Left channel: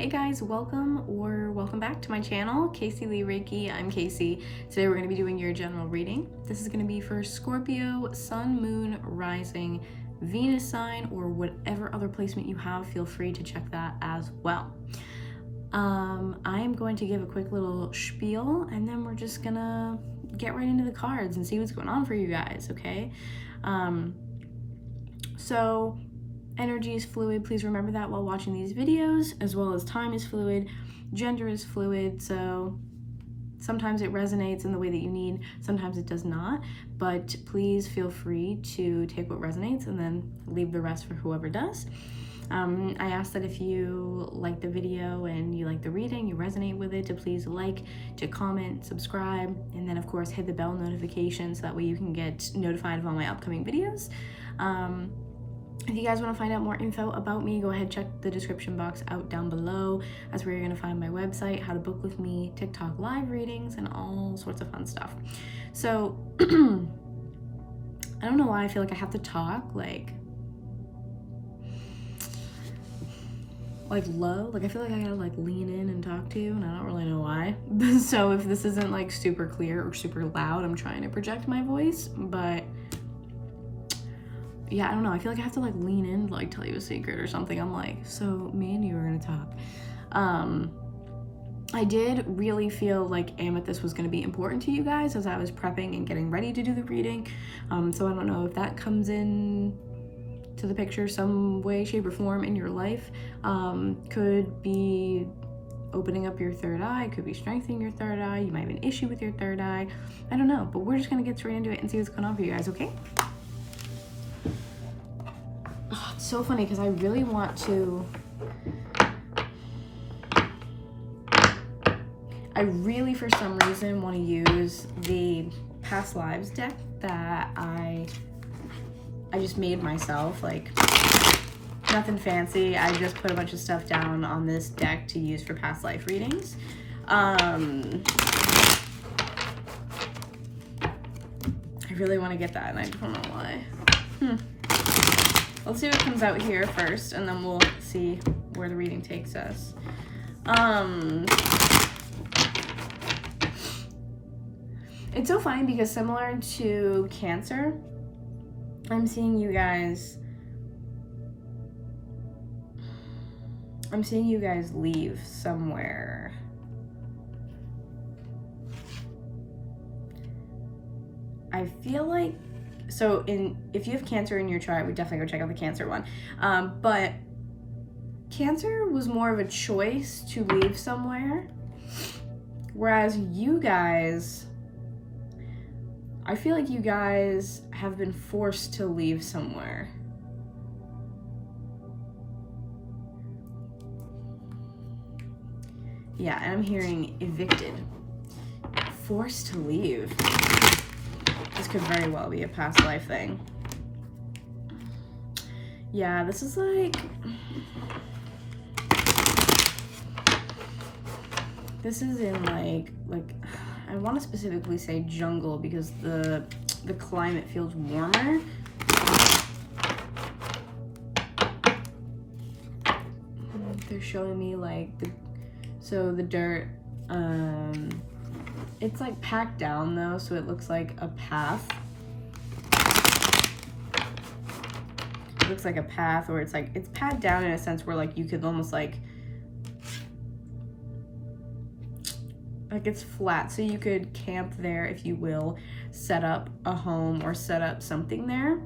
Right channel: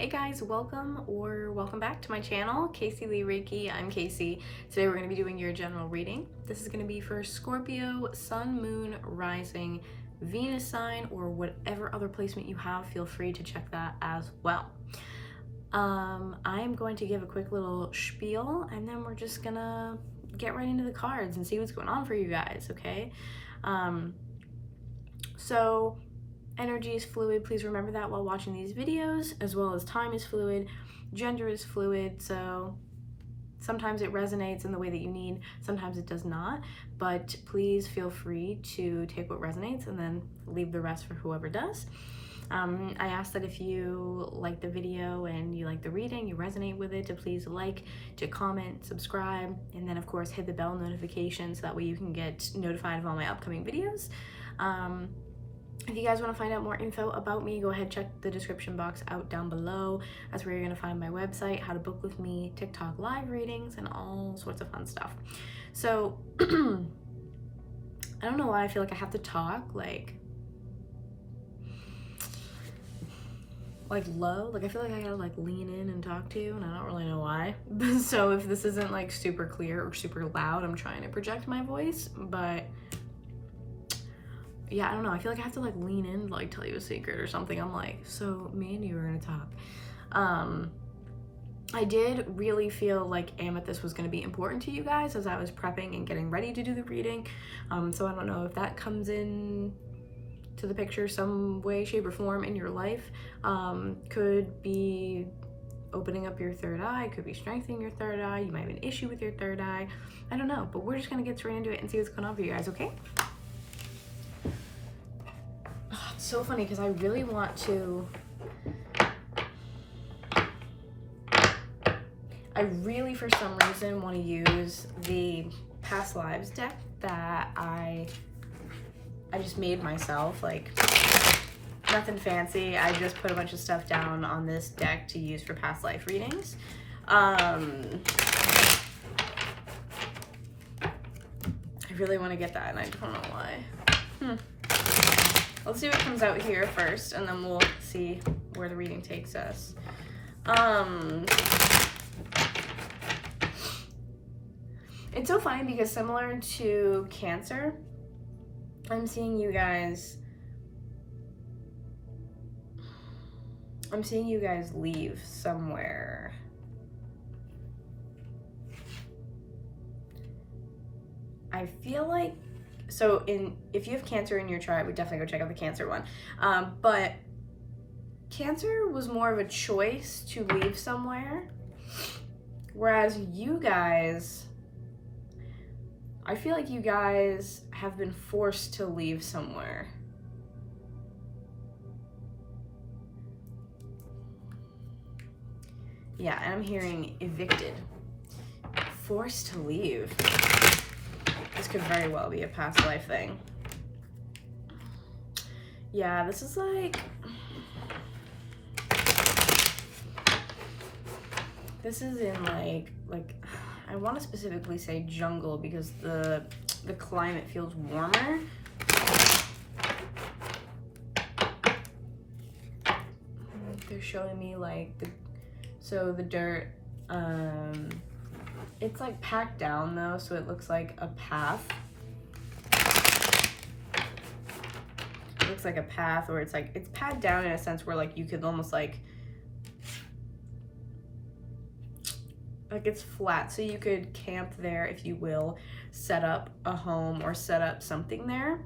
Hey guys, welcome back to my channel, Caseyleighreiki. I'm Casey. Today we're going to be doing your general reading. This is going to be for Scorpio, Sun, Moon, Rising, Venus sign, or whatever other placement you have. Feel free to check that as well. I am going to give a quick little spiel, and then we're just gonna get right into the cards and see what's going on for you guys, okay? So energy is fluid. Please remember that while watching these videos, as well as time is fluid, gender is fluid, so sometimes it resonates in the way that you need, sometimes it does not, but please feel free to take what resonates and then leave the rest for whoever does. I ask that if you like the video and you like the reading, you resonate with it, to please like, to comment, subscribe, and then of course hit the bell notification so that way you can get notified of all my upcoming videos. If you guys want to find out more info about me, go ahead, check the description box out down below. That's where you're going to find my website, how to book with me, TikTok live readings, and all sorts of fun stuff. So, I don't know why I feel like I have to talk like low. Like I feel like I gotta like lean in and talk to you, and I don't really know why. So if this isn't like super clear or super loud, I'm trying to project my voice, but yeah, I don't know. I feel like I have to like lean in to like tell you a secret or something. I'm like, so me and you are gonna talk. I did really feel like amethyst was gonna be important to you guys as I was prepping and getting ready to do the reading. So I don't know if that comes in to the picture some way, shape, or form in your life. Could be opening up your third eye, could be strengthening your third eye. You might have an issue with your third eye. I don't know, but we're just gonna get straight into it and see what's going on for you guys, okay? So funny because I really want to, for some reason want to use the past lives deck that I just made myself. Like nothing fancy, I just put a bunch of stuff down on this deck to use for past life readings. I really want to get that and I don't know why. Let's see what comes out here first, and then we'll see where the reading takes us. It's so funny because similar to Cancer, I'm seeing you guys leave somewhere. I feel like, so if you have Cancer in your chart, we definitely go check out the Cancer one. But Cancer was more of a choice to leave somewhere, whereas you guys, I feel like you guys have been forced to leave somewhere. Yeah, and I'm hearing evicted, forced to leave. This could very well be a past life thing. Yeah, this is like, this is in like I want to specifically say jungle because the climate feels warmer. They're showing me like the dirt, it's like packed down though, so it looks like a path. It looks like a path, or it's packed down in a sense where like you could almost like it's flat, so you could camp there if you will, set up a home or set up something there.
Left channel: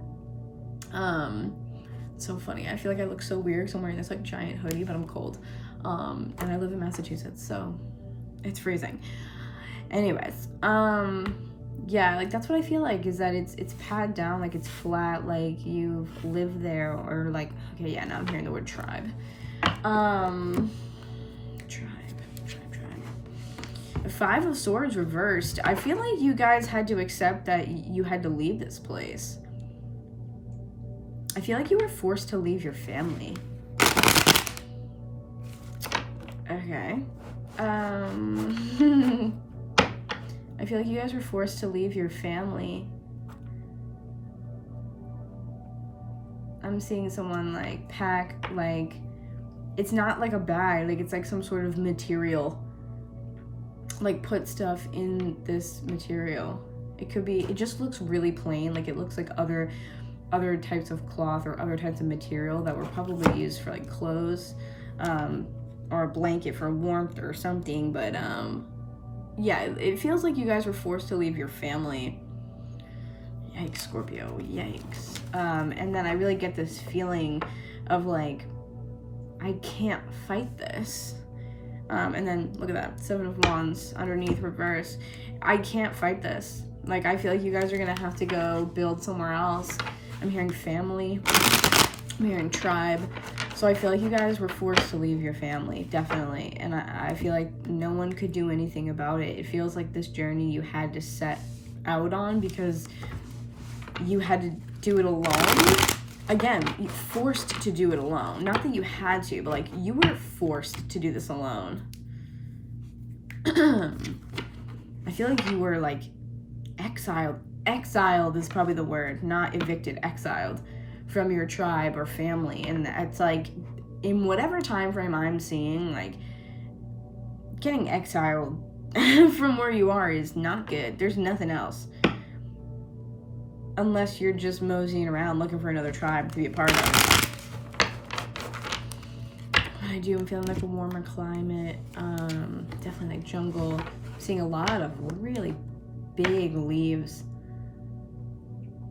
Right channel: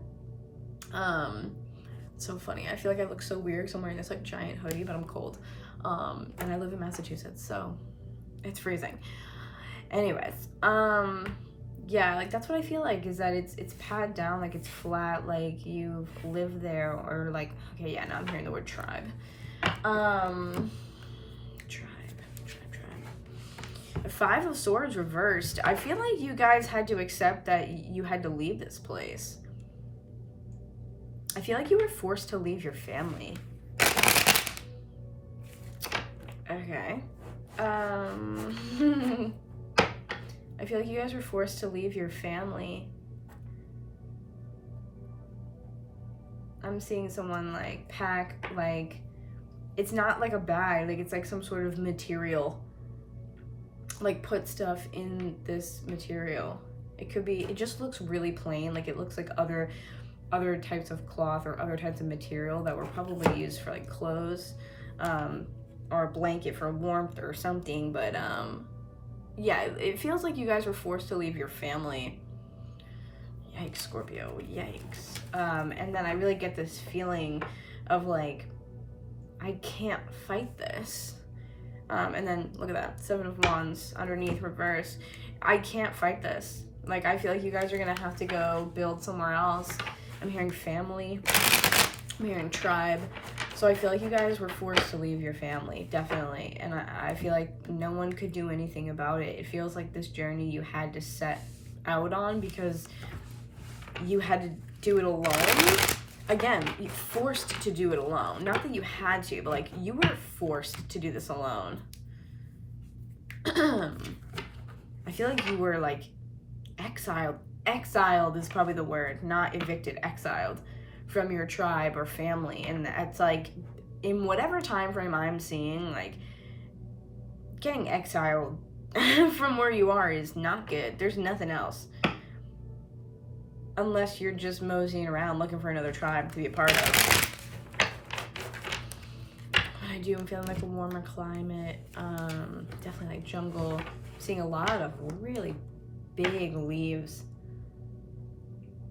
So funny. I feel like I look so weird because I'm wearing this like giant hoodie, but I'm cold. And I live in Massachusetts, so it's freezing. Anyways, yeah, like that's what I feel like, is that it's padded down, like it's flat, like you've lived there, or like, okay, yeah, now I'm hearing the word tribe. Tribe. Five of Swords reversed. I feel like you guys had to accept that you had to leave this place. I feel like you were forced to leave your family. Okay. I feel like you guys were forced to leave your family. I'm seeing someone like pack like it's not like a bag, like it's like some sort of material. Like put stuff in this material. It could be, it just looks really plain, like it looks like other types of cloth or other types of material that were probably used for like clothes, or a blanket for warmth or something. But yeah, it feels like you guys were forced to leave your family. Yikes, Scorpio, yikes. And then I really get this feeling of like, I can't fight this. And then look at that, 7 of Wands underneath, reverse. I can't fight this. Like, I feel like you guys are gonna have to go build somewhere else. I'm hearing family, I'm hearing tribe. So I feel like you guys were forced to leave your family, definitely. And I feel like no one could do anything about it. It feels like this journey you had to set out on because you had to do it alone. Again, you forced to do it alone. Not that you had to, but like you were forced to do this alone. I feel like you were like exiled. Exiled is probably the word, not evicted, exiled from your tribe or family. And it's like, in whatever time frame I'm seeing, like getting exiled from where you are is not good. There's nothing else. Unless you're just moseying around looking for another tribe to be a part of. I'm feeling like a warmer climate. Definitely like jungle. I'm seeing a lot of really big leaves.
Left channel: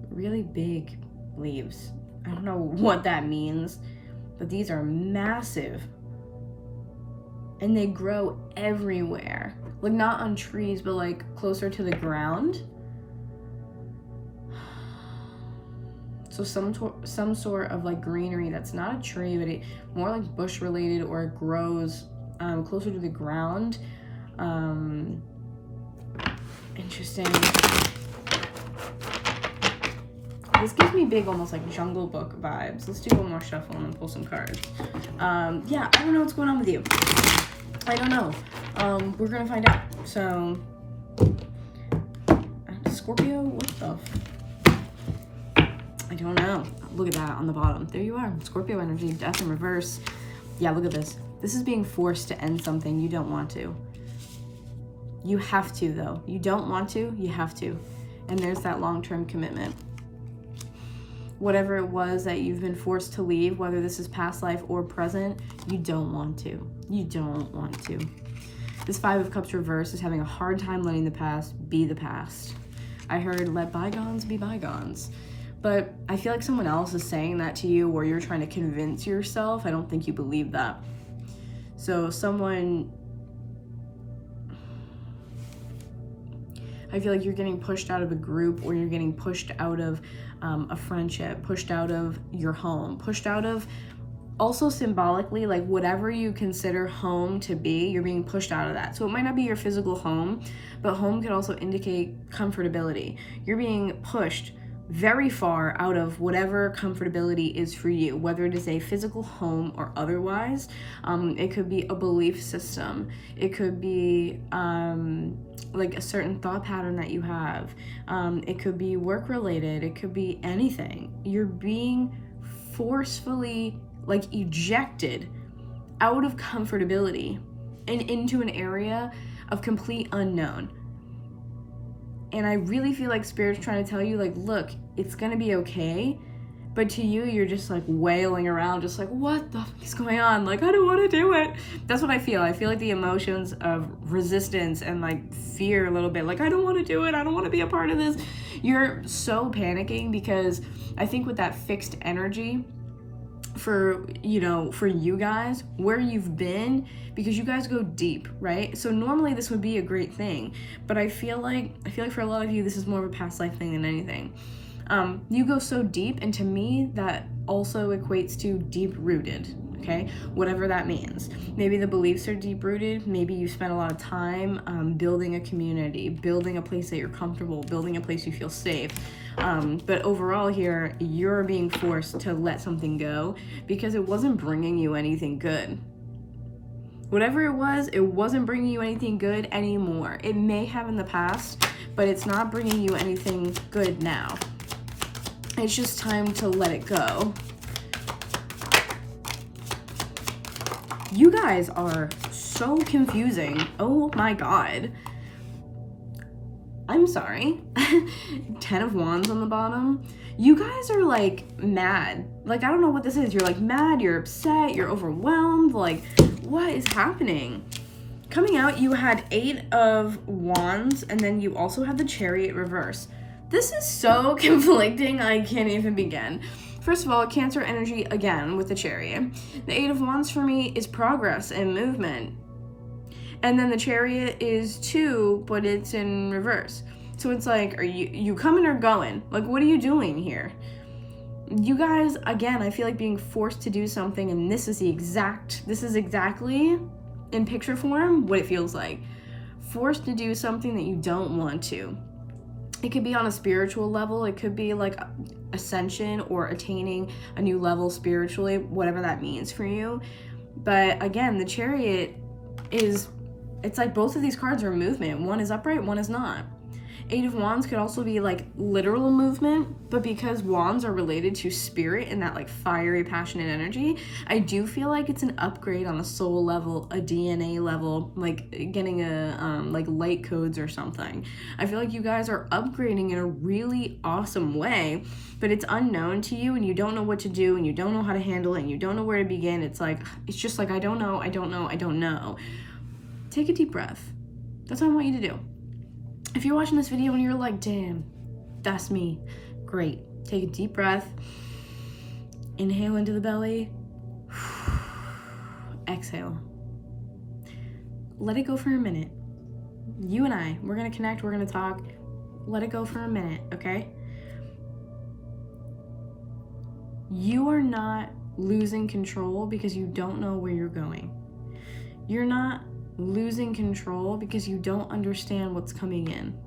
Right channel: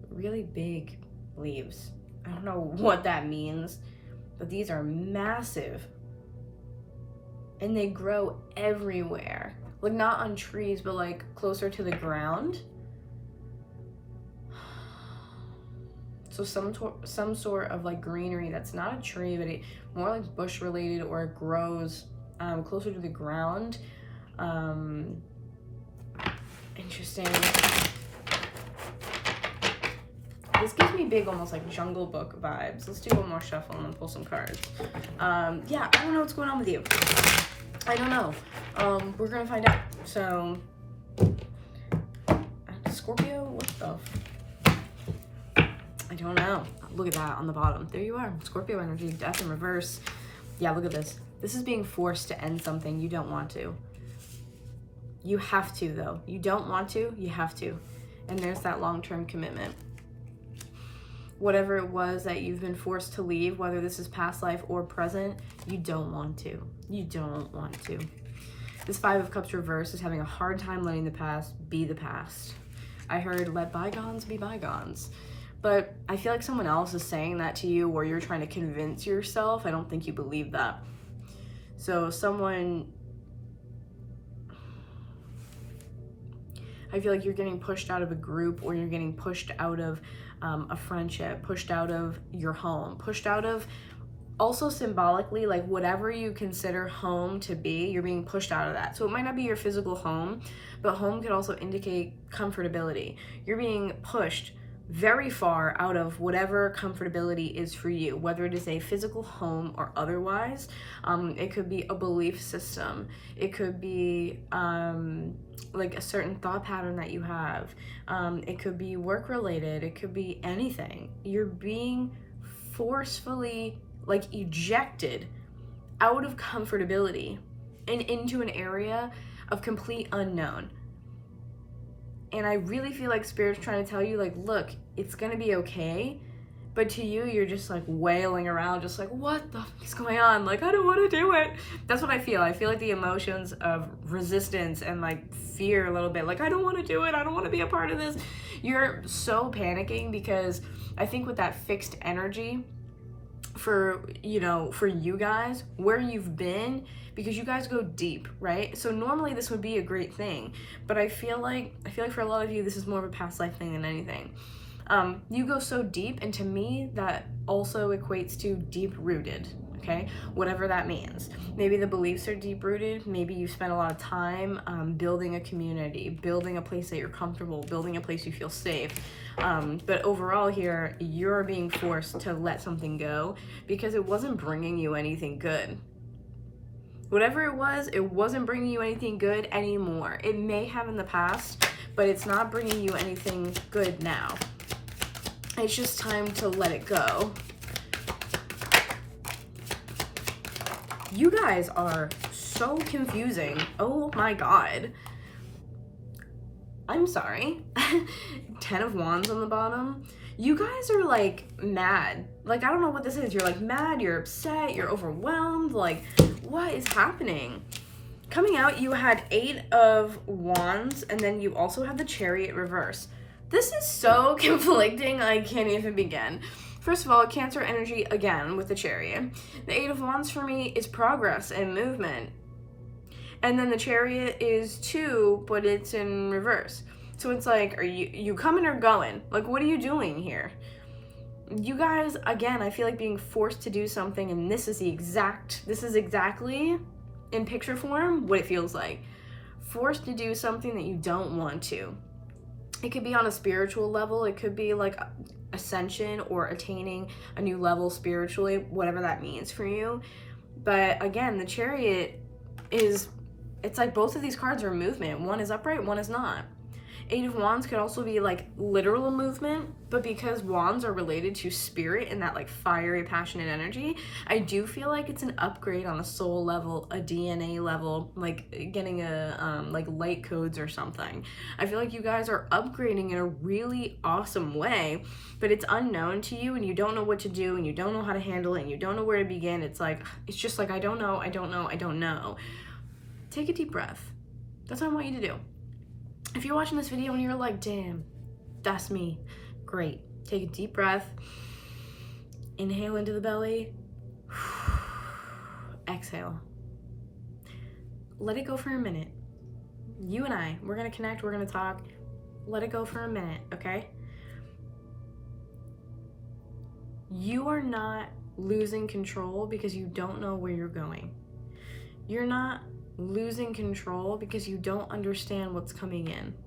Really big leaves. I don't know what that means, but these are massive. And they grow everywhere. Like not on trees, but like closer to the ground. So some sort of like greenery that's not a tree, but it more like bush related, or it grows closer to the ground. Interesting. This gives me big, almost like Jungle Book vibes. Let's do one more shuffle and then pull some cards. Yeah, I don't know what's going on with you. I don't know. We're gonna find out. So, Scorpio, what the? I don't know. Look at that on the bottom. There you are. Scorpio energy, death in reverse. Yeah, look at this. This is being forced to end something you don't want to. You have to, though. You don't want to, you have to. And there's that long-term commitment. Whatever it was that you've been forced to leave, whether this is past life or present, you don't want to. You don't want to. This 5 of Cups reverse is having a hard time letting the past be the past. I heard, let bygones be bygones. But I feel like someone else is saying that to you, or you're trying to convince yourself. I don't think you believe that. So someone, I feel like you're getting pushed out of a group, or you're getting pushed out of a friendship, pushed out of your home, pushed out of, also symbolically, like whatever you consider home to be, you're being pushed out of that. So it might not be your physical home, but home could also indicate comfortability. You're being pushed very far out of whatever comfortability is for you, whether it is a physical home or otherwise. It could be a belief system. It could be like a certain thought pattern that you have. It could be work related. It could be anything. You're being forcefully like ejected out of comfortability and into an area of complete unknown. And I really feel like Spirit's trying to tell you, like, look, it's gonna be okay. But to you, you're just like wailing around, just like, what the fuck is going on? Like, I don't want to do it. That's what I feel. I feel like the emotions of resistance and like fear a little bit. Like, I don't want to do it. I don't want to be a part of this. You're so panicking because I think with that fixed energy, for you guys, where you've been, because you guys go deep, right? So normally this would be a great thing, but I feel like for a lot of you, this is more of a past life thing than anything. You go so deep, and to me, that also equates to deep rooted. Okay, whatever that means. Maybe the beliefs are deep rooted. Maybe you spent a lot of time building a community, building a place that you're comfortable, building a place you feel safe. But overall here, you're being forced to let something go because it wasn't bringing you anything good. Whatever it wasn't bringing you anything good anymore. It may have in the past, but it's not bringing you anything good now. It's just time to let it go. You guys are so confusing. Oh my God. I'm sorry. 10 of Wands on the bottom. You guys are like mad. Like, I don't know what this is. You're like mad, you're upset, you're overwhelmed. Like, what is happening? Coming out, you had 8 of Wands, and then you also had the Chariot reverse. This is so conflicting, I can't even begin. First of all, Cancer energy again with the Chariot. The 8 of Wands for me is progress and movement. And then the Chariot is 2, but it's in reverse. So it's like, are you coming or going? Like, what are you doing here? You guys, again, I feel like being forced to do something, and this is exactly in picture form what it feels like. Forced to do something that you don't want to. It could be on a spiritual level. It could be like ascension or attaining a new level spiritually, whatever that means for you. But again, the Chariot it's like both of these cards are movement. One is upright, one is not. 8 of Wands could also be like literal movement, but because Wands are related to spirit and that like fiery, passionate energy, I do feel like it's an upgrade on a soul level, a DNA level, like getting a like light codes or something. I feel like you guys are upgrading in a really awesome way, but it's unknown to you and you don't know what to do and you don't know how to handle it and you don't know where to begin. It's just like, I don't know. Take a deep breath. That's what I want you to do. If you're watching this video and you're like, damn, that's me, great. Take a deep breath. Inhale into the belly. Exhale. Let it go for a minute. You and I, we're gonna connect, we're gonna talk. Let it go for a minute, okay? You are not losing control because you don't know where you're going. You're not losing control because you don't understand what's coming in.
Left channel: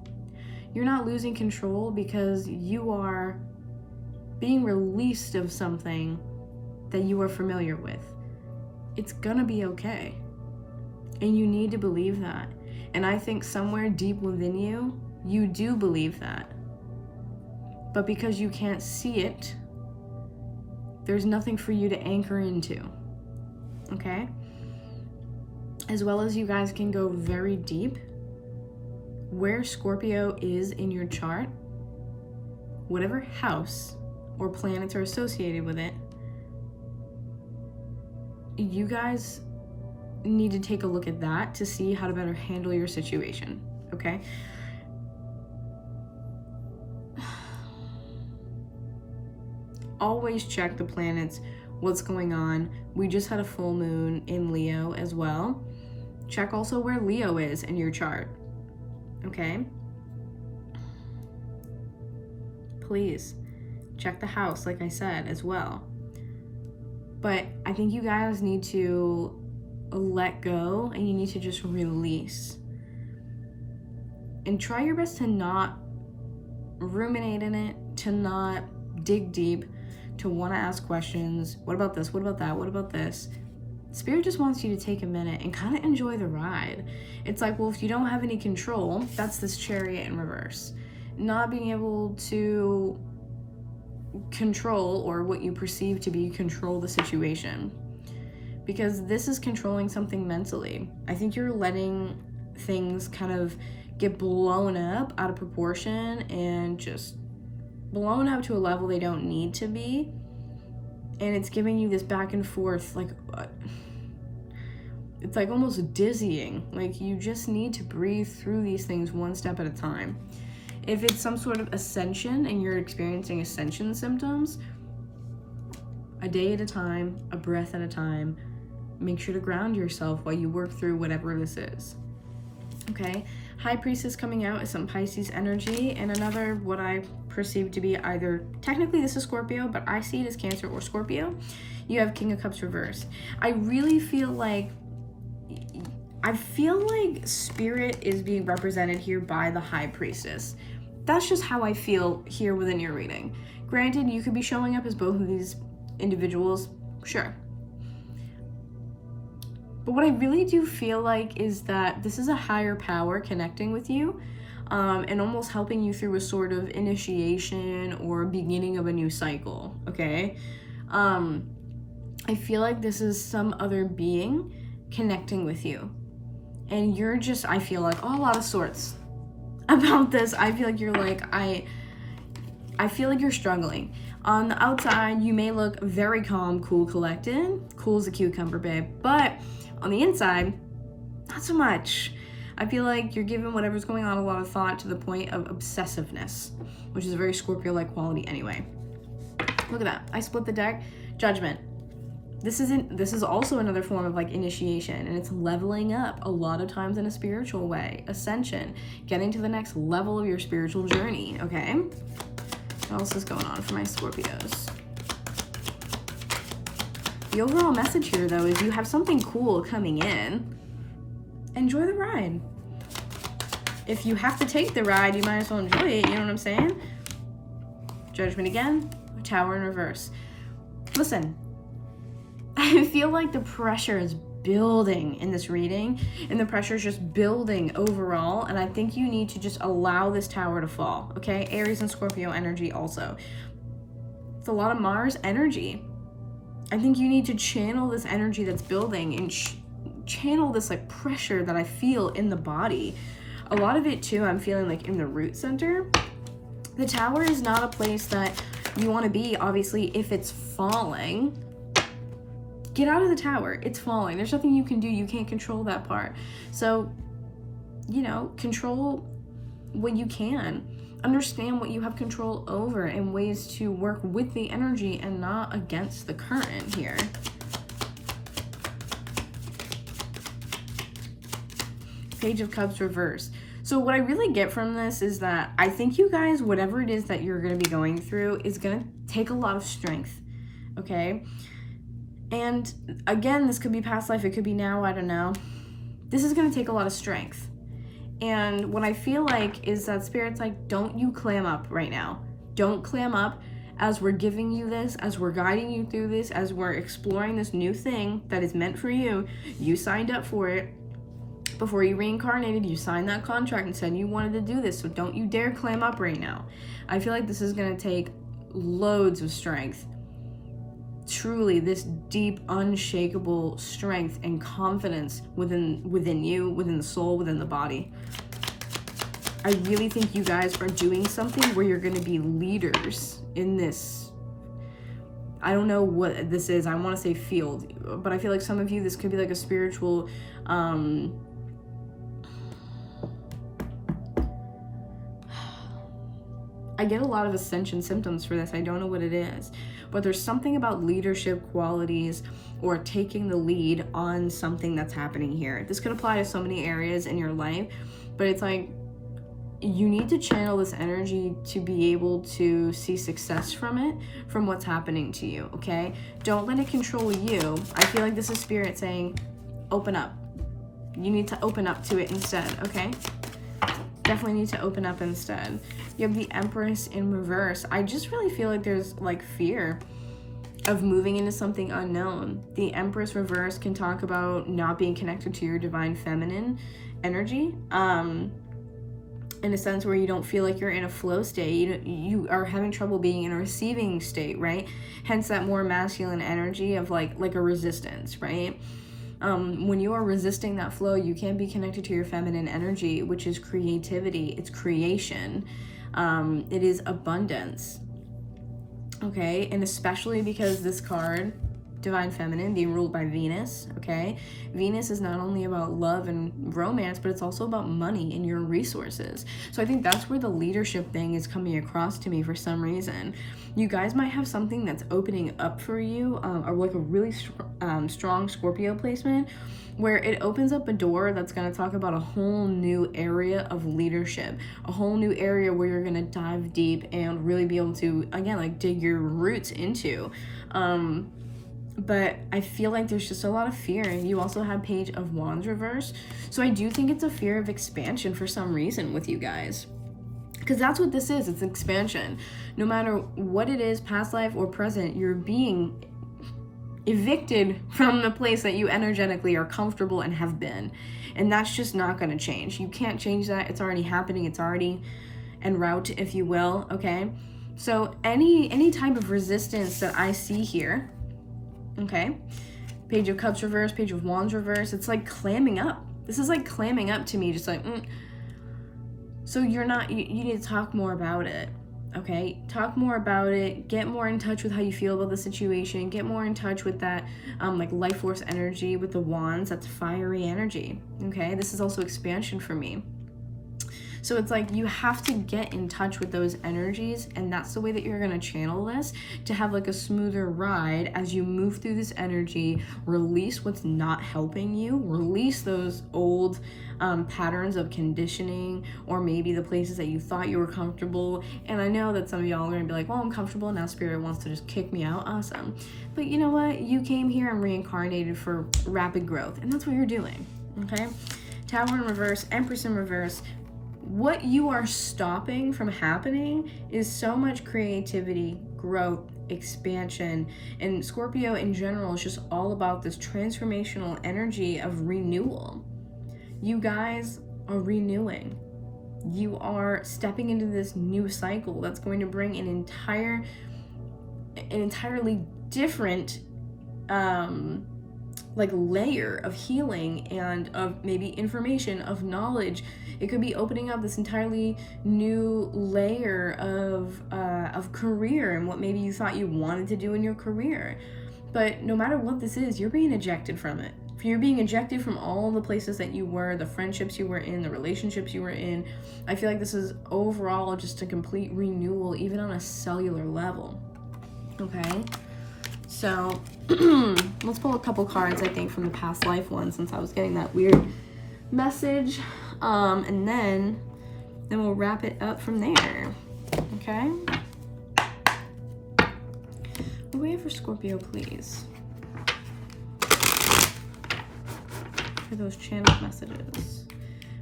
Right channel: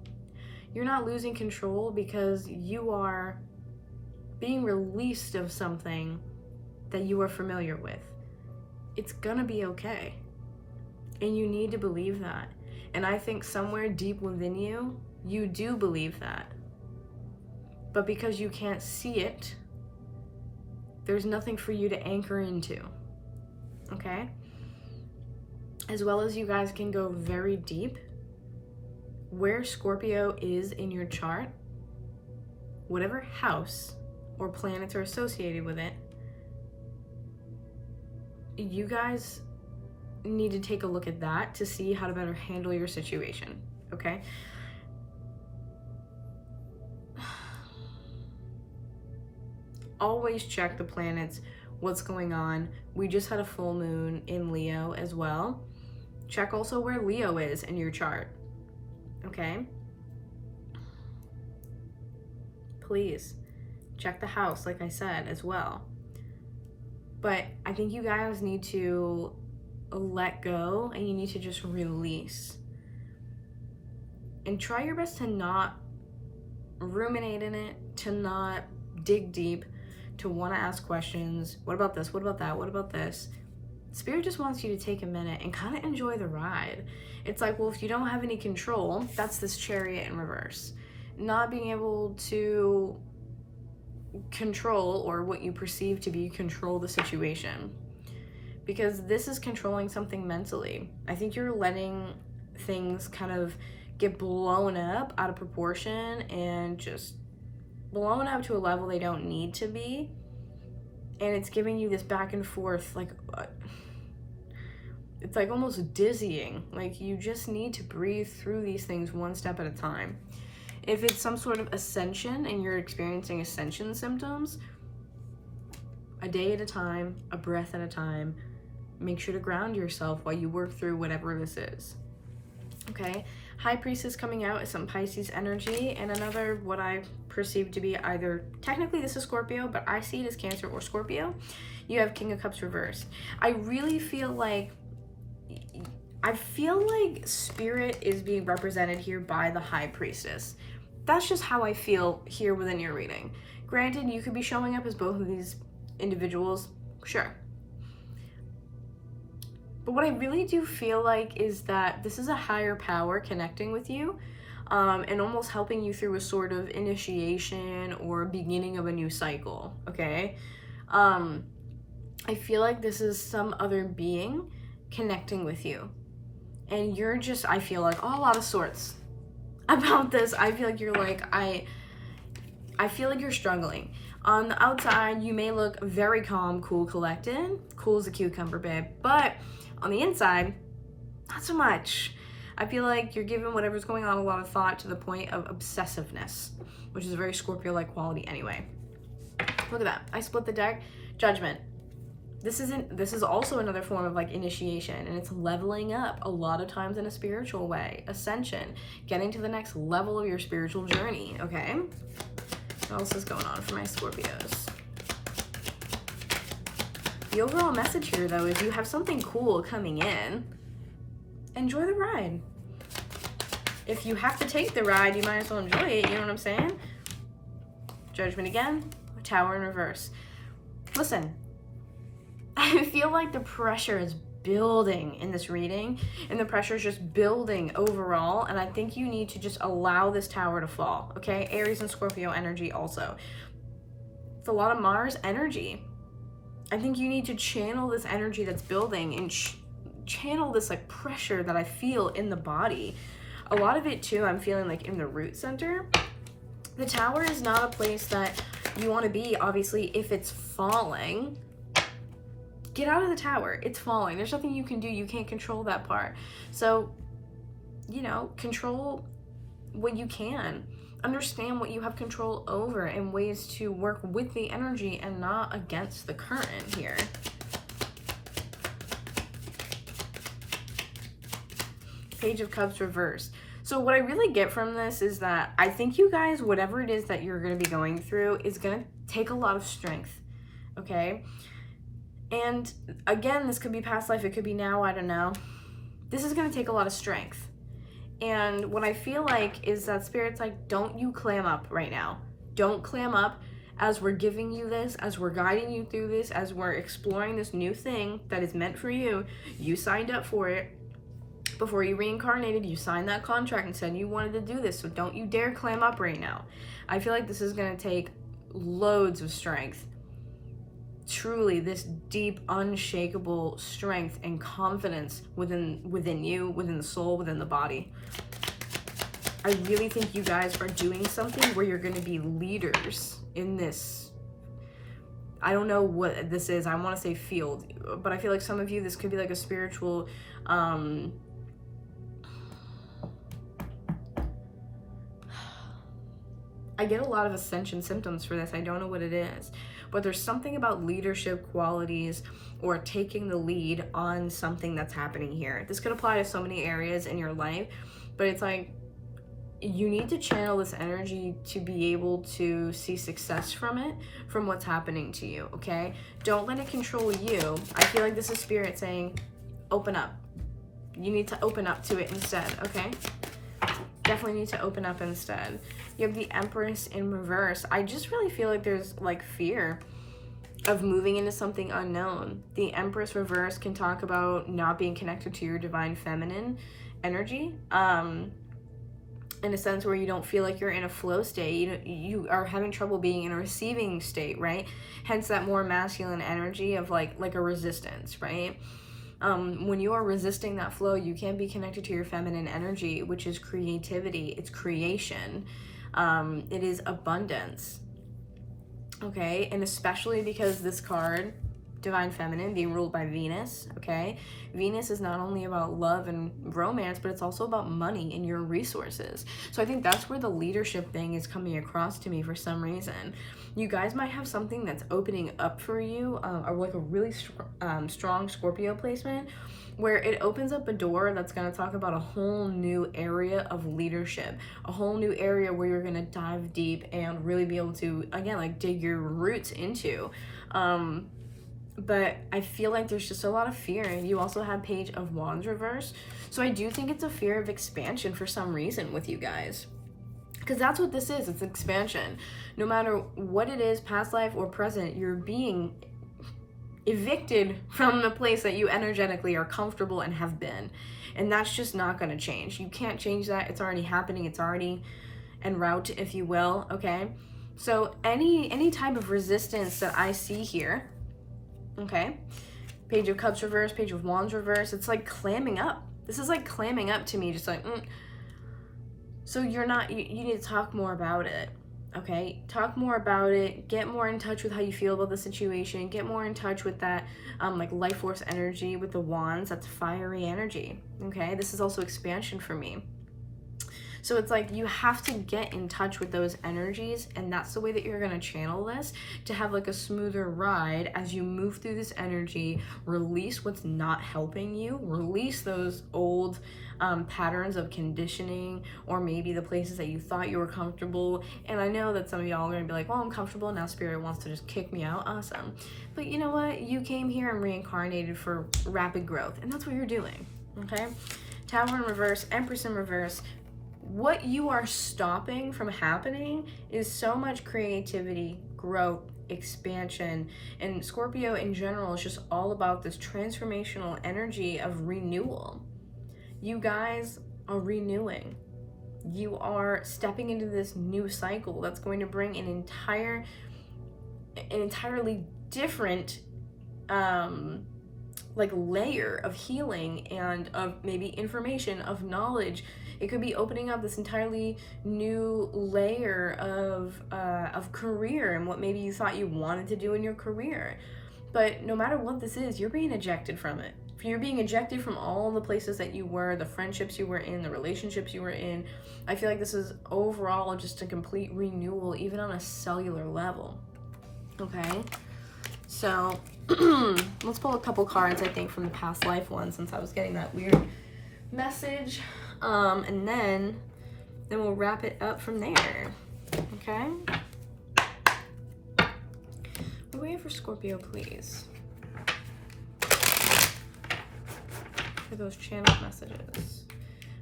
You're not losing control because you are being released of something that you are familiar with. It's gonna be okay. And you need to believe that. And I think somewhere deep within you, you do believe that. But because you can't see it, there's nothing for you to anchor into. Okay? As well as you guys can go very deep, where Scorpio is in your chart, whatever house or planets are associated with it, you guys need to take a look at that to see how to better handle your situation, okay? Always check the planets, what's going on. We just had a full moon in Leo as well. Check also where Leo is in your chart, okay? Please check the house, like I said, as well. But I think you guys need to let go and you need to just release. And try your best to not ruminate in it, to not dig deep, to want to ask questions. What about this? What about that? What about this? Spirit just wants you to take a minute and kind of enjoy the ride. It's like, well, if you don't have any control, that's this Chariot in reverse. Not being able to control, or what you perceive to be control, the situation. Because this is controlling something mentally. I think you're letting things kind of get blown up out of proportion and just blown up to a level they don't need to be. And it's giving you this back and forth, like, it's like almost dizzying. Like, you just need to breathe through these things one step at a time. If it's some sort of ascension and you're experiencing ascension symptoms, a day at a time, a breath at a time, make sure to ground yourself while you work through whatever this is. Okay? High Priestess coming out is some Pisces energy, and another, what I perceive to be either, technically this is Scorpio, but I see it as Cancer or Scorpio. You have King of Cups reversed. I really feel like Spirit is being represented here by the High Priestess. That's just how I feel here within your reading. Granted, you could be showing up as both of these individuals, sure. But what I really do feel like is that this is a higher power connecting with you, and almost helping you through a sort of initiation or beginning of a new cycle, okay? I feel like this is some other being connecting with you. And you're just, I feel like, a lot of sorts about this. I feel like you're like, I feel like you're struggling. On the outside, you may look very calm, cool, collected. Cool as a cucumber, babe. But on the inside, not so much. I feel like you're giving whatever's going on a lot of thought to the point of obsessiveness, which is a very Scorpio-like quality anyway. Look at that. I split the deck. Judgment. This is also another form of like initiation, and it's leveling up a lot of times in a spiritual way. Ascension. Getting to the next level of your spiritual journey, okay? What else is going on for my Scorpios? The overall message here, though, is you have something cool coming in. Enjoy the ride. If you have to take the ride, you might as well enjoy it, you know what I'm saying? Judgment again. Tower in reverse. Listen, I feel like the pressure is building in this reading, and the pressure is just building overall, and I think you need to just allow this tower to fall, okay? Aries and Scorpio energy also. It's a lot of Mars energy. I think you need to channel this energy that's building and channel this like pressure that I feel in the body. A lot of it too, I'm feeling like in the root center. The tower is not a place that you want to be, obviously, if it's falling. Get out of the tower. It's falling. There's nothing you can do. You can't control that part. So, you know, control what you can. Understand what you have control over and ways to work with the energy and not against the current here. Page of Cups reversed. So what I really get from this is that I think you guys, whatever it is that you're going to be going through, is going to take a lot of strength, okay? And again, this could be past life, it could be now, I don't know. This is going to take a lot of strength. And what I feel like is that Spirit's like, don't you clam up right now. Don't clam up as we're giving you this, as we're guiding you through this, as we're exploring this new thing that is meant for you. You signed up for it. Before you reincarnated, you signed that contract and said you wanted to do this, so don't you dare clam up right now. I feel like this is going to take loads of strength. Truly, this deep, unshakable strength and confidence within you, within the soul, within the body. I really think you guys are doing something where you're going to be leaders in this. I don't know what this is. I want to say field, but I feel like some of you, this could be like a spiritual I get a lot of ascension symptoms for this. I don't know what it is, but there's something about leadership qualities or taking the lead on something that's happening here. This could apply to so many areas in your life, but it's like you need to channel this energy to be able to see success from it, from what's happening to you, okay? Don't let it control you. I feel like this is Spirit saying, open up. You need to open up to it instead, okay? Definitely need to open up instead. You have the Empress in reverse. I just really feel like there's like fear of moving into something unknown. The Empress reverse can talk about not being connected to your divine feminine energy. In a sense where you don't feel like you're in a flow state. You are having trouble being in a receiving state, right? Hence that more masculine energy of like a resistance, right? When you are resisting that flow, you can't be connected to your feminine energy, which is creativity, it's creation, it is abundance, okay? And especially because this card, Divine Feminine, being ruled by Venus, okay? Venus is not only about love and romance, but it's also about money and your resources. So I think that's where the leadership thing is coming across to me for some reason. You guys might have something that's opening up for you, or like a really strong Scorpio placement, where it opens up a door that's going to talk about a whole new area of leadership, a whole new area where you're going to dive deep and really be able to, again, like dig your roots into. But I feel like there's just a lot of fear. You also have Page of Wands reverse. So I do think it's a fear of expansion for some reason with you guys. Because that's what this is. It's expansion. No matter what it is, past life or present, you're being evicted from the place that you energetically are comfortable and have been. And that's just not going to change. You can't change that. It's already happening. It's already en route, if you will. Okay? So any type of resistance that I see here, Okay? Page of Cups reverse, Page of Wands reverse. It's like clamming up. This is like clamming up to me, just like, So you're not, you need to talk more about it. Okay, talk more about it, get more in touch with how you feel about the situation, get more in touch with that like life force energy with the wands. That's fiery energy. Okay, this is also expansion for me. So it's like you have to get in touch with those energies, and that's the way that you're going to channel this, to have like a smoother ride as you move through this energy. Release what's not helping you, release those old patterns of conditioning, or maybe the places that you thought you were comfortable. And I know that some of y'all are going to be like, well, I'm comfortable now, Spirit wants to just kick me out. Awesome. But you know what? You came here and reincarnated for rapid growth, and that's what you're doing. Okay? Tower in reverse, Empress in reverse. What you are stopping from happening is so much creativity, growth, expansion, and Scorpio in general is just all about this transformational energy of renewal. You guys are renewing. You are stepping into this new cycle that's going to bring an entirely different like layer of healing and of maybe information, of knowledge. It could be opening up this entirely new layer of career and what maybe you thought you wanted to do in your career. But no matter what this is, you're being ejected from it. You're being ejected from all the places that you were, the friendships you were in, the relationships you were in. I feel like this is overall just a complete renewal, even on a cellular level. Okay? So let's pull a couple cards, I think, from the past life one, since I was getting that weird message. And then we'll wrap it up from there. Okay? What do we have for Scorpio, please? For those channeled messages.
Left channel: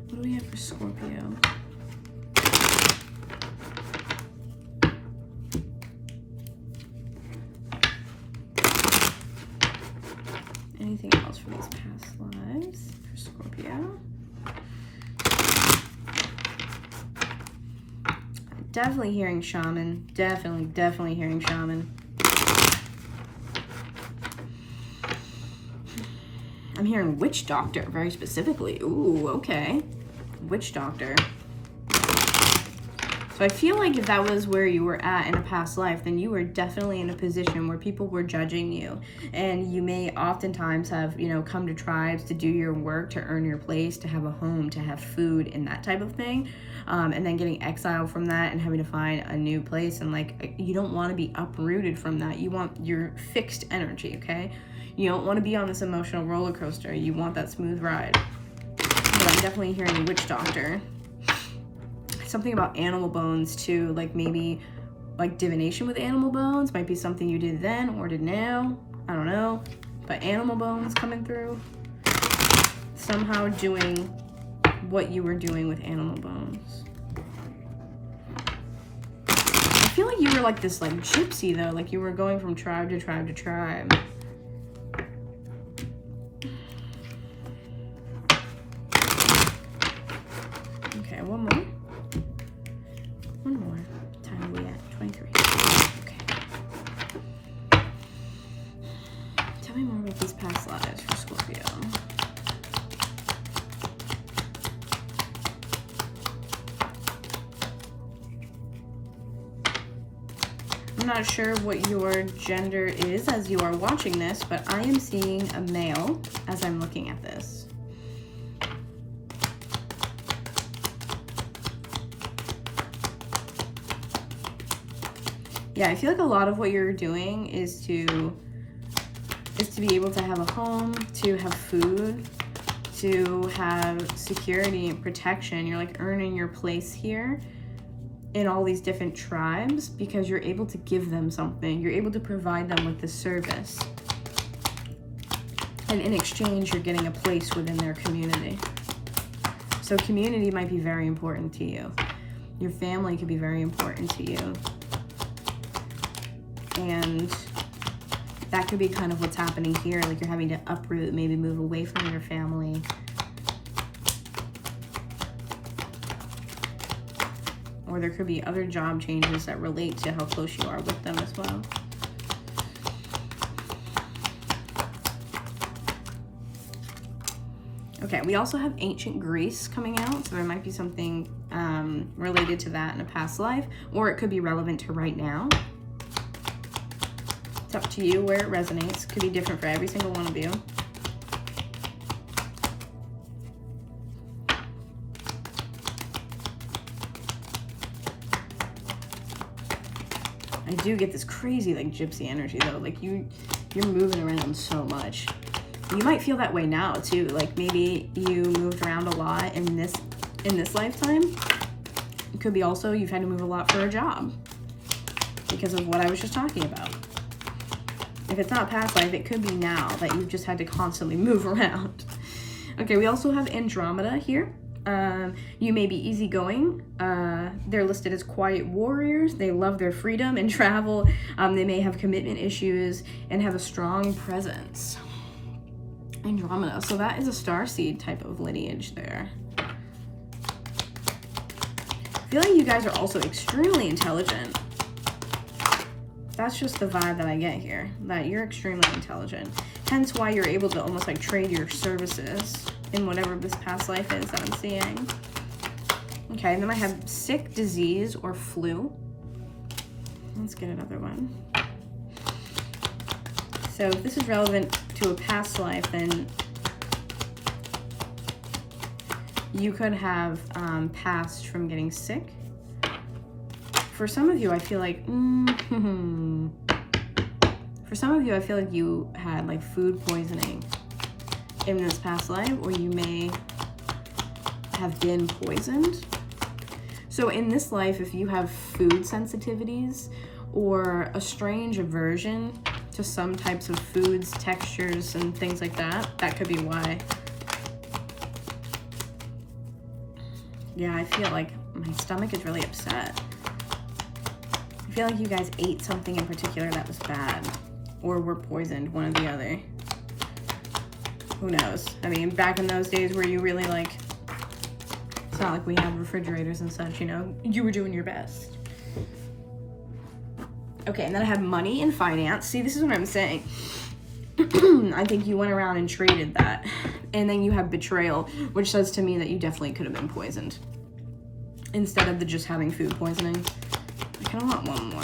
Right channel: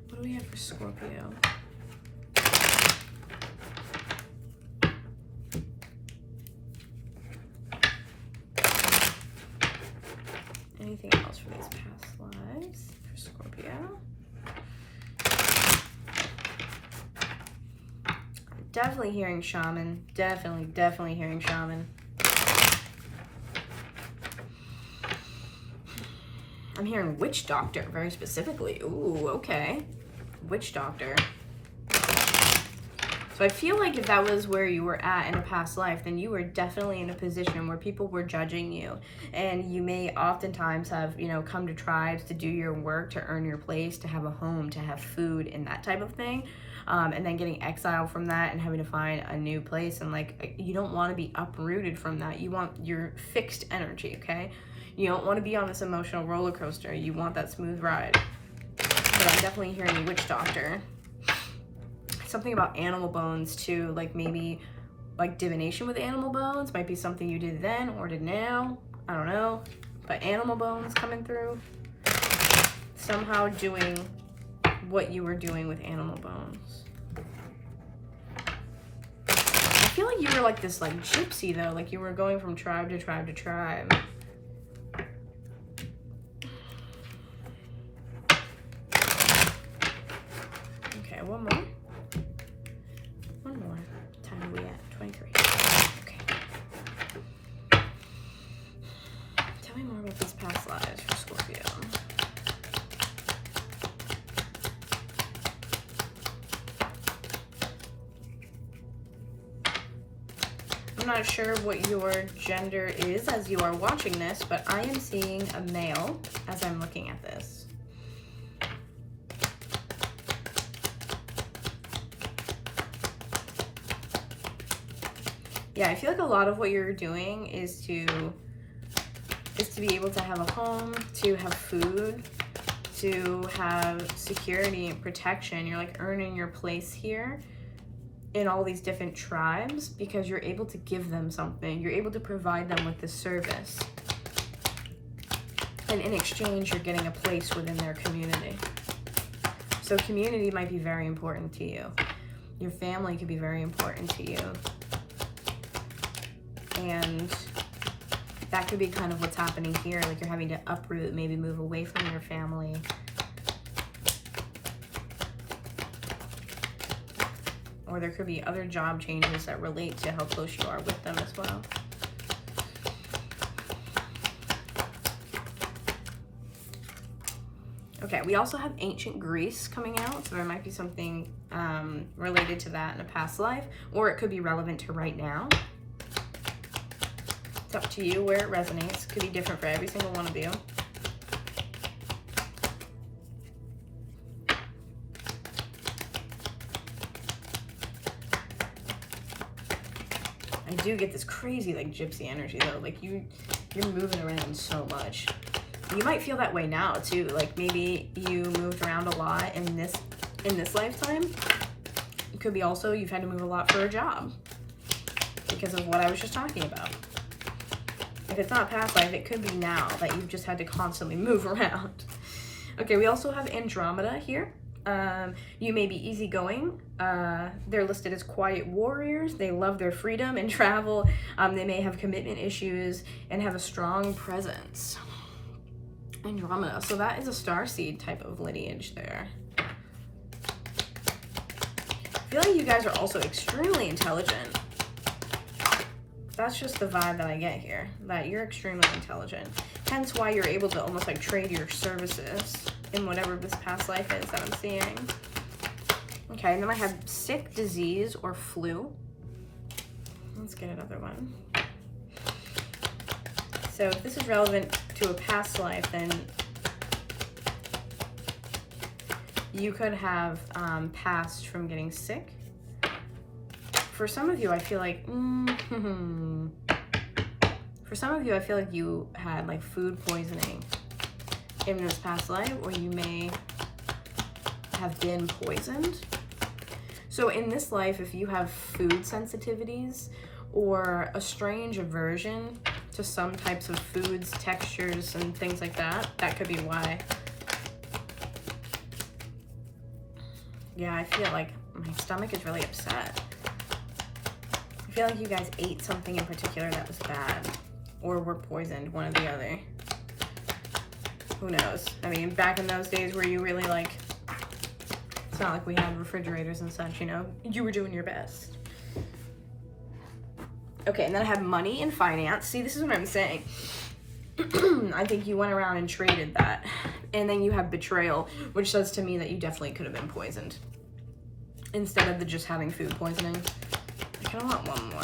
What do we have for Scorpio? Anything else for these past lives for Scorpio? Definitely hearing shaman. Definitely hearing shaman. I'm hearing witch doctor very specifically. Ooh, okay. Witch doctor. So I feel like if that was where you were at in a past life, then you were definitely in a position where people were judging you. And you may oftentimes have, come to tribes to do your work, to earn your place, to have a home, to have food, and that type of thing. And then getting exiled from that and having to find a new place. And you don't want to be uprooted from that. You want your fixed energy, okay? You don't want to be on this emotional roller coaster. You want that smooth ride. But I'm definitely hearing witch doctor. Something about animal bones too, like maybe like divination with animal bones might be something you did then or did now. I don't know. But animal bones coming through. Somehow doing what you were doing with animal bones. I feel like you were like this like gypsy though, like you were going from tribe to tribe to tribe. Okay, one more. Time are we at? 23. Okay. Tell me more about these past lives for Scorpio. I'm not sure what your gender is as you are watching this, but I am seeing a male as I'm looking at this. Yeah, I feel like a lot of what you're doing is to be able to have a home, to have food, to have security and protection. You're like earning your place here in all these different tribes because you're able to give them something. You're able to provide them with this service. And in exchange, you're getting a place within their community. So community might be very important to you. Your family could be very important to you. And that could be kind of what's happening here. Like you're having to uproot, maybe move away from your family. Or there could be other job changes that relate to how close you are with them as well. Okay, we also have ancient Greece coming out, so there might be something related to that in a past life, or it could be relevant to right now. It's up to you where it resonates. It could be different for every single one of you. I do get this crazy like gypsy energy though. Like you're moving around so much. You might feel that way now too. Like maybe you moved around a lot in this lifetime. It could be also you've had to move a lot for a job because of what I was just talking about. If it's not past life, it could be now that you've just had to constantly move around. Okay, we also have Andromeda here. You may be easygoing. They're listed as quiet warriors. They love their freedom and travel. They may have commitment issues and have a strong presence. Andromeda. So that is a starseed type of lineage there. I feel like you guys are also extremely intelligent. That's just the vibe that I get here, that you're extremely intelligent. Hence why you're able to almost like trade your services in whatever this past life is that I'm seeing. Okay, and then I have sick, disease, or flu. Let's get another one. So if this is relevant to a past life, then you could have passed from getting sick. For some of you, I feel like, for some of you, I feel like you had like food poisoning in this past life, or you may have been poisoned. So in this life, if you have food sensitivities or a strange aversion to some types of foods, textures, and things like that, that could be why. Yeah, I feel like my stomach is really upset. I feel like you guys ate something in particular that was bad, or were poisoned, one or the other. Who knows? I mean, back in those days where you really like, it's not like we have refrigerators and such, you know, you were doing your best. Okay, and then I have money and finance. See, this is what I'm saying. I think you went around and traded that. And then you have betrayal, which says to me that you definitely could have been poisoned instead of just having food poisoning. I kind of want one more.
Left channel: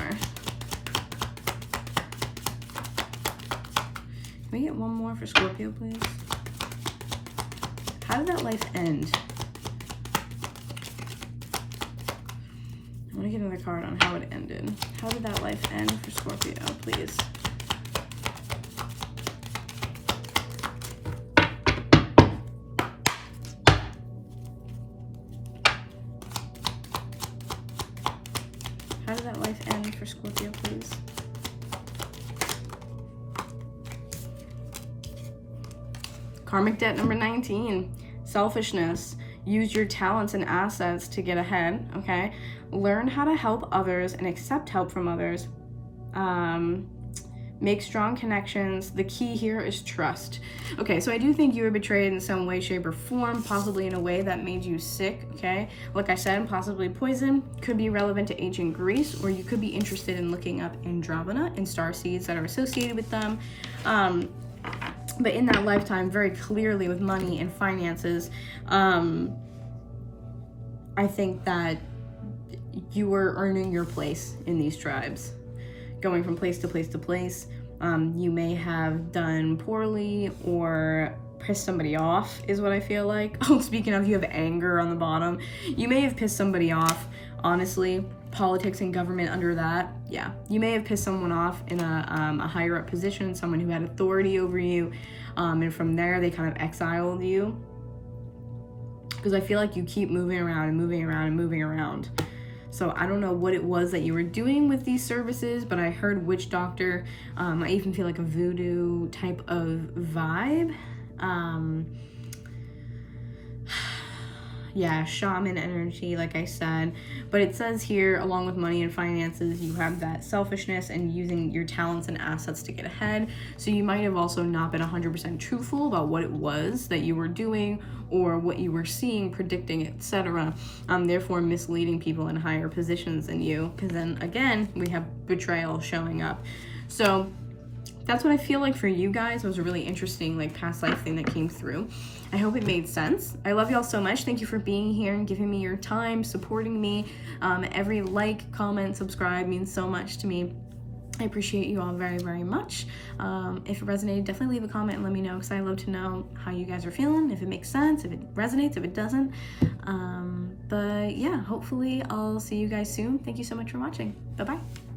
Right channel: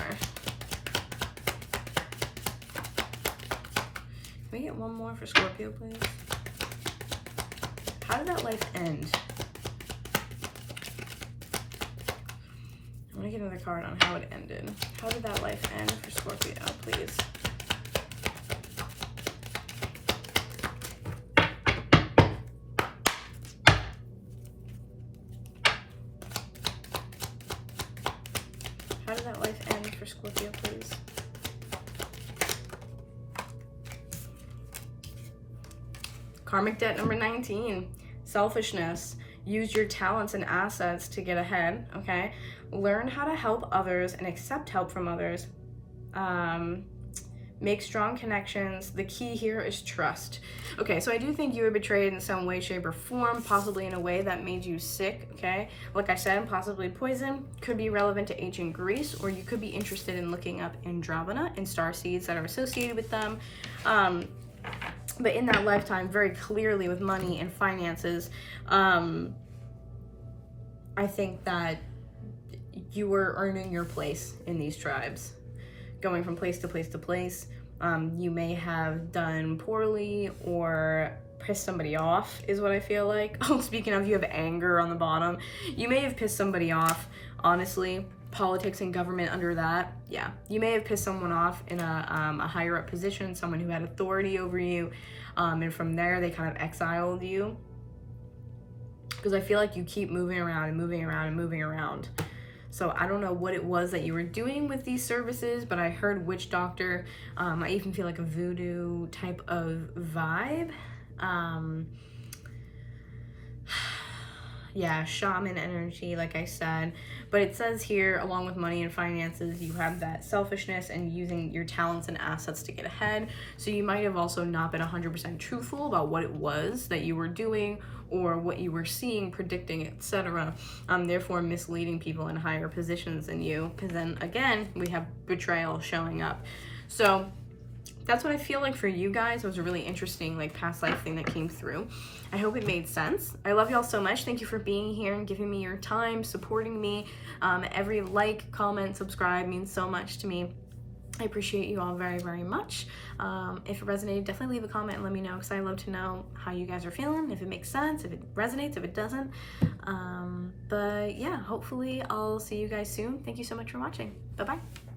Can we get one more for Scorpio, please? How did that life end? I want to get another card on how it ended. How did that life end for Scorpio, please? How did that life end for Scorpio, please? Karmic debt number 19, selfishness. Use your talents and assets to get ahead, okay? Learn how to help others and accept help from others. Make strong connections. The key here is trust. Okay, so I do think you were betrayed in some way, shape, or form, possibly in a way that made you sick, okay? Like I said, possibly poison. Could be relevant to ancient Greece, or you could be interested in looking up Andromeda and starseeds that are associated with them. But in that lifetime, very clearly with money and finances, I think that you were earning your place in these tribes, going from place to place to place. You may have done poorly or pissed somebody off, is what I feel like. Oh, speaking of, you have anger on the bottom. You may have pissed somebody off, honestly. Politics and government under that, yeah. You may have pissed someone off in a higher up position, someone who had authority over you, and from there they kind of exiled you. Because I feel like you keep moving around and moving around and moving around. So I don't know what it was that you were doing with these services, but I heard witch doctor. I even feel like a voodoo type of vibe. Yeah, shaman energy, like I said. But it says here, along with money and finances, you have that selfishness and using your talents and assets to get ahead. So you might have also not been 100% truthful about what it was that you were doing or what you were seeing, predicting, etc. Therefore misleading people in higher positions than you. Because then again, we have betrayal showing up. So that's what I feel like for you guys. It was a really interesting like past life thing that came through. I hope it made sense. I love y'all so much. Thank you for being here and giving me your time, supporting me. Every like, comment, subscribe means so much to me. I appreciate you all very, very much. If it resonated, definitely leave a comment and let me know, because I love to know how you guys are feeling, if it makes sense, if it resonates, if it doesn't. But yeah, hopefully I'll see you guys soon. Thank you so much for watching. Bye-bye.